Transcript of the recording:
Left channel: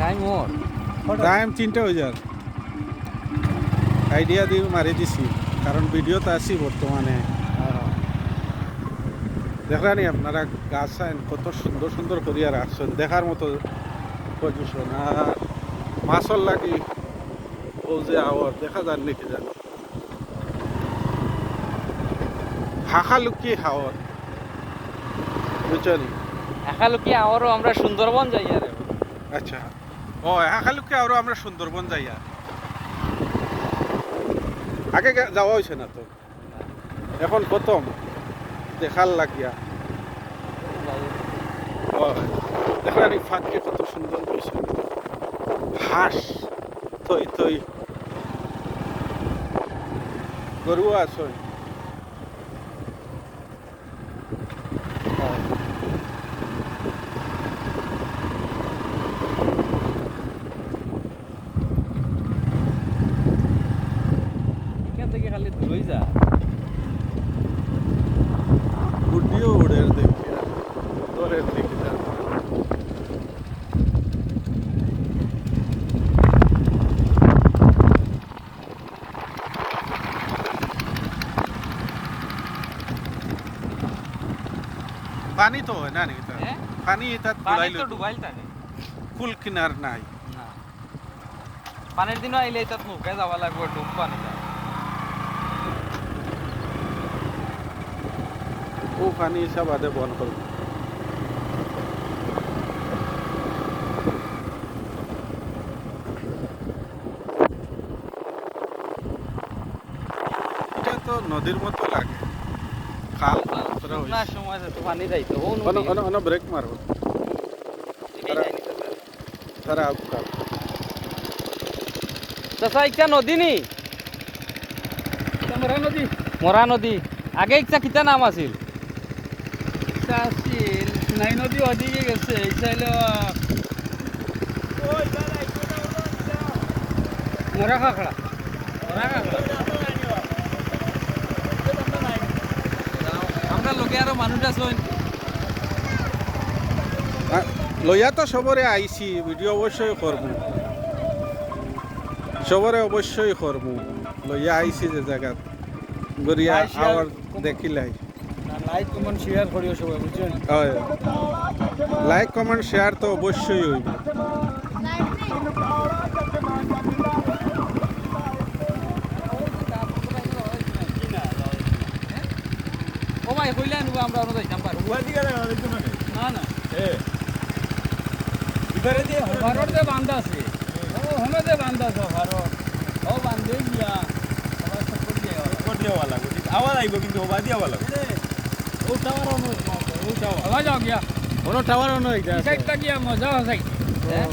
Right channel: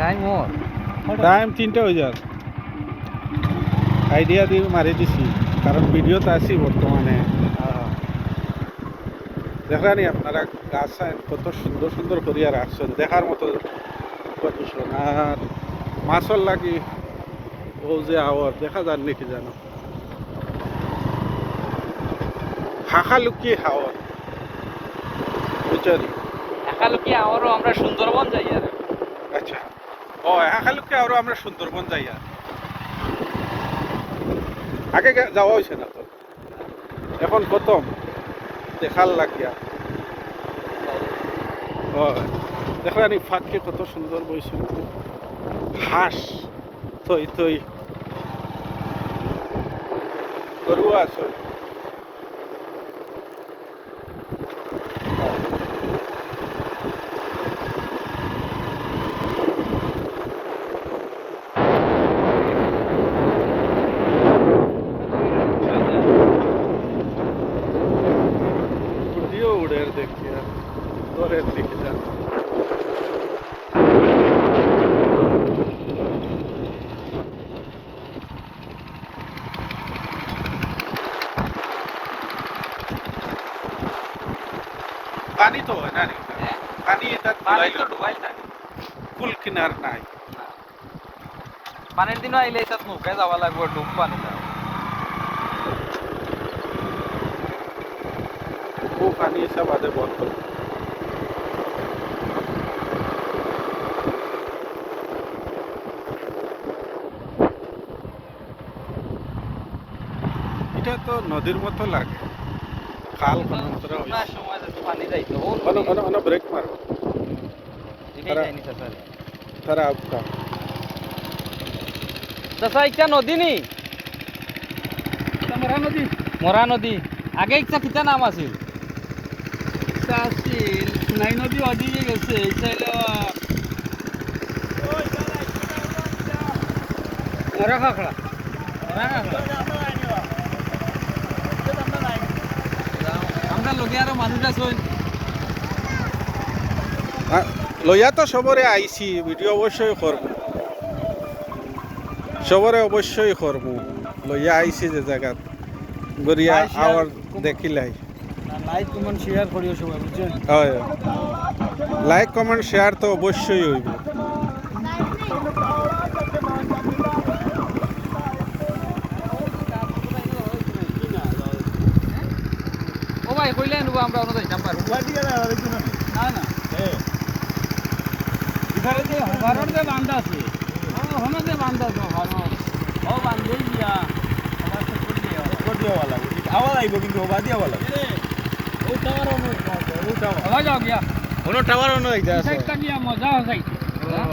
time ওর time 3টা হয়ে যার আইডিয়া দিয়ে মারি দিছি কারণ ভিডিওতে আছি বর্তমানে দেখলানি আপনারা গাছ কত সুন্দর সুন্দর করিয়া রাখছেন দেখার মতো পজিশন আর মাছর লাগি ও যে আওয়ার দেখা যান নাকি জানো হাঁকালুকি হাওয়ার বুঝলি একালুকি আমারও আমরা সুন্দরবন যাই আর আচ্ছা ও হাঁকালুকি আরো আমরা সুন্দরবন যাই আর আগে যাওয়া হয়েছে না তো এখন প্রথম দেখার লাগিয়া দেখলানি ফাঁককে কত সুন্দর বইছে হাঁস থই থই গরু আছে উড়িও উড়ের দেখিয়া দরের দিকে যান পানি তো হয় না নি পানি এটা ডুবাইল কুল কিনার নাই পানির দিনও আইলে তাত নৌকায় যাওয়া লাগবে ডুব পানি যাও ও পানি সব আদে বন্ধ এটা তো নদীর মতো লাগে খাল মাত্রা না সময় তো পানি যাইতো অন ব্রেক মারবো তারা আপকা চাচা ইচ্ছা নদী নি মরা নদী আগে ইচ্ছা কিতা নাম আছিল নাই নদী ওদিকে গেছে এই চাইলে মরা খাখড়া আমরা লোকে আরো মানুষ আছে লইয়া তো সবরে আইছি ভিডিও অবশ্যই করবো সবরে অবশ্যই করবো লইয়া আইছি যে জায়গাত গড়িয়া আওয়ার দেখিলাই লাইক কমেন্ট শেয়ার করিও সবাই বুঝছেন হয় লাইক কমেন্ট শেয়ার তো অবশ্যই হইব ও ভাই কইলে আনবো আমরা আমরা যাইতাম পারবো না না এবারে যে হাজারের যে বান্ধা আছে ও হনে যে বান্ধা আছে হাজার ও বান্ধেই দিয়া আবার তো করে দেওয়া লাগবে ঠিক আওয়াজ আইব কিন্তু ওবা দিয়া বলা ও টাওয়ার অন ও টাওয়ার আওয়াজ আ গিয়া কোনো টাওয়ার নয় সাইডটা গিয়া মজা হইছে